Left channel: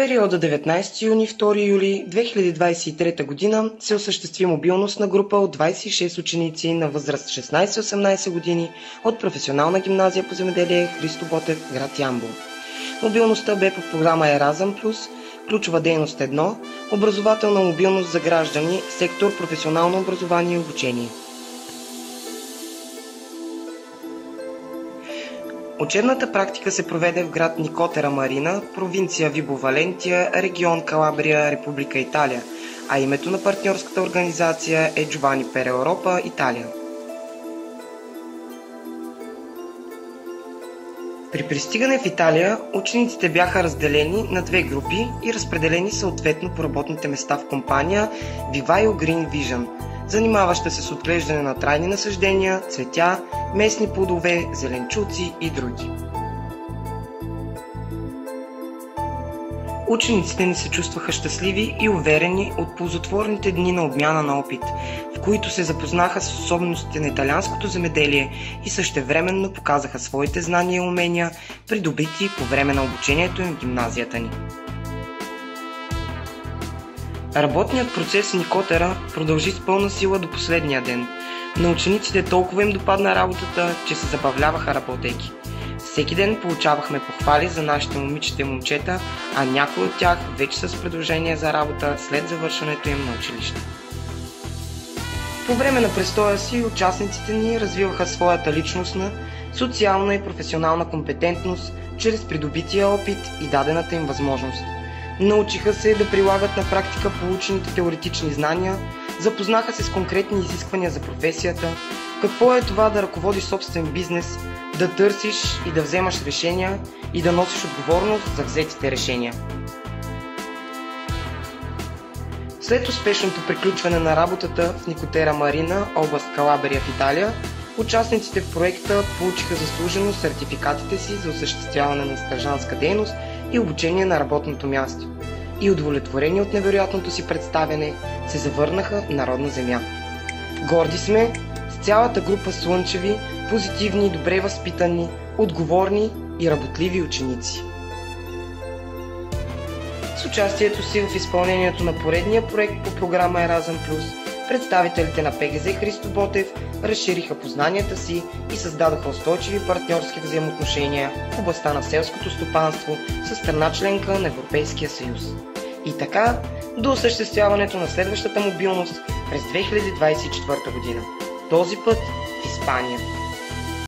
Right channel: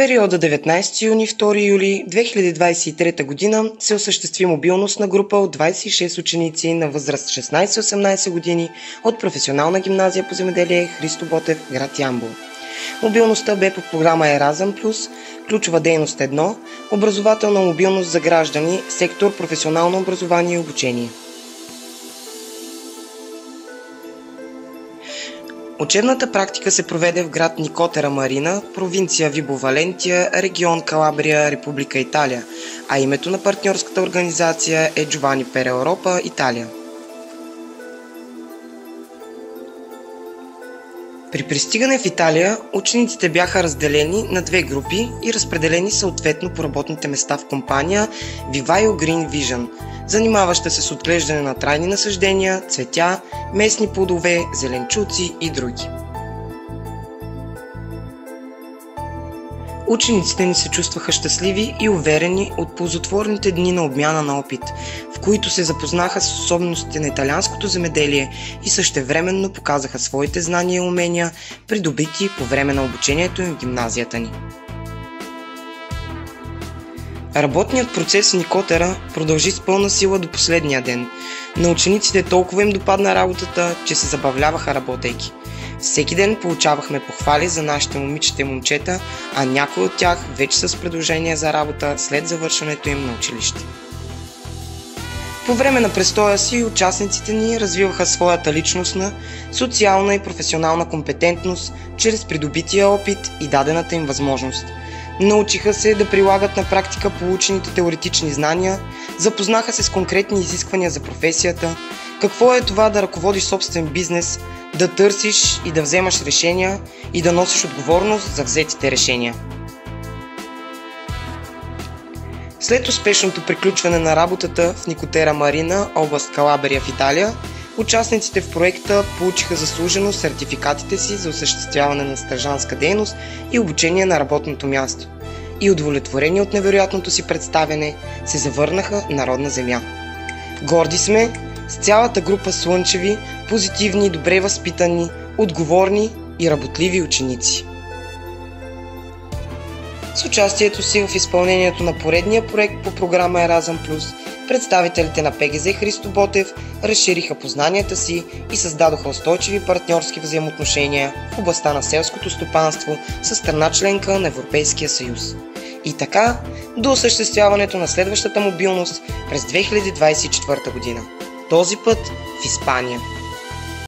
периода 19 юни-2 юли 2023 г. се осъществи мобилност на група от 26 ученици на възраст 16-18 години от професионална гимназия по земеделие Христо Ботев, град Ямбол. Мобилността бе по програма Еразъм Плюс, ключова дейност 1, образователна мобилност за граждани, сектор професионално образование и обучение. Учебната практика се проведе в град Никотера Марина, провинция Вибо Валентия, регион Калабрия, Република Италия, а името на партньорската организация е Giovanni per Europa, Италия. При пристигане в Италия, учениците бяха разделени на две групи и разпределени съответно по работните места в компания Vivaio Green Vision, занимаваща се с отглеждане на трайни насаждения, цветя, местни плодове, зеленчуци и други. Учениците ни се чувстваха щастливи и уверени от ползотворните дни на обмяна на опит, в които се запознаха с особеностите на италианското земеделие и същевременно показаха своите знания и умения, придобити по време на обучението им в гимназията ни. Работният процес в Никотера продължи с пълна сила до последния ден. На учениците толкова им допадна работата, че се забавляваха работейки. Всеки ден получавахме похвали за нашите момичета и момчета, а някои от тях вече с предложения за работа след завършването им на училище. По време на престоя си участниците ни развиваха своята личностна, социална и професионална компетентност чрез придобития опит и дадената им възможност. Научиха се да прилагат на практика получените теоретични знания, запознаха се с конкретни изисквания за професията, какво е това да ръководиш собствен бизнес, да търсиш и да вземаш решения и да носиш отговорност за взетите решения. След успешното приключване на работата в Никотера Марина, област Калабрия в Италия, участниците в проекта получиха заслужено сертификатите си за осъществяване на стажантска дейност и обучение на работното място. И удовлетворени от невероятното си представяне, се завърнаха на родна земя. Горди сме с цялата група слънчеви, позитивни, добре възпитани, отговорни и работливи ученици. С участието си в изпълнението на поредния проект по програма Еразъм Плюс, представителите на ПГЗ Христо Ботев разшириха познанията си и създадоха устойчиви партньорски взаимоотношения в областта на селското стопанство със страна членка на Европейския съюз. И така до осъществяването на следващата мобилност през 2024 година. Този път в Испания.